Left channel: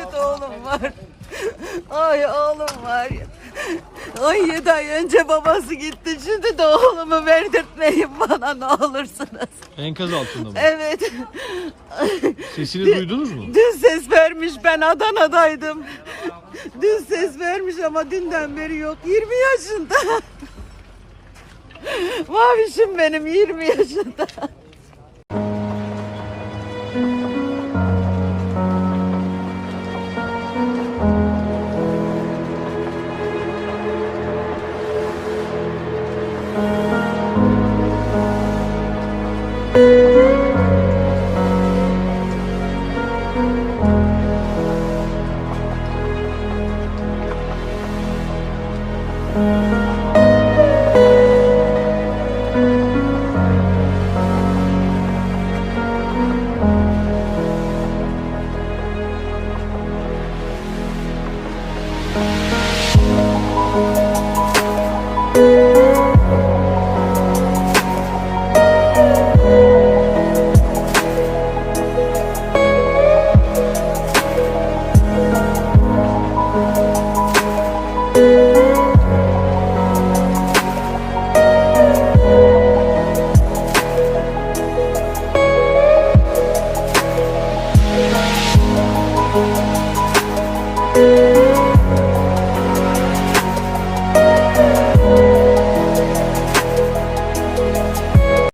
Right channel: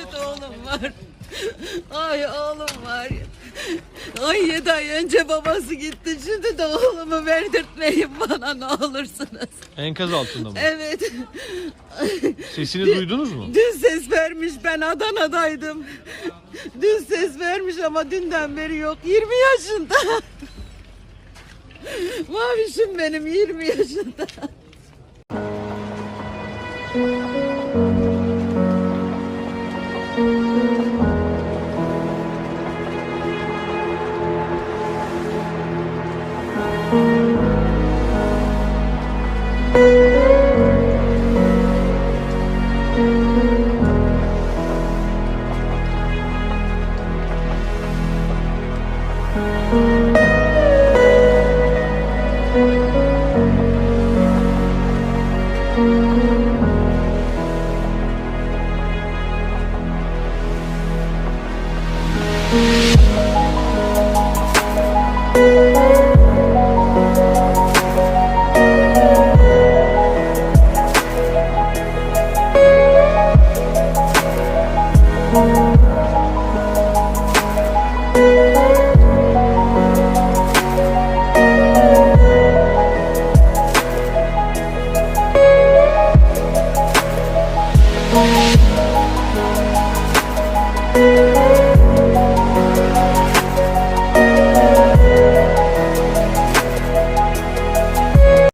Evet oğlum var. Ay oğlum var ya. 17 ay önce babası gitti. Şimdi de oğlumu verdirtmeyin bana ne olursunuz. Enkaz altında mı? Evet. Sesini duydunuz mu? Dün ses vermiş. Ben Adana'daydım. Dün ses vermiş ama dünden beri yok. 20 yaşında. Mavişim benim 20 yaşında.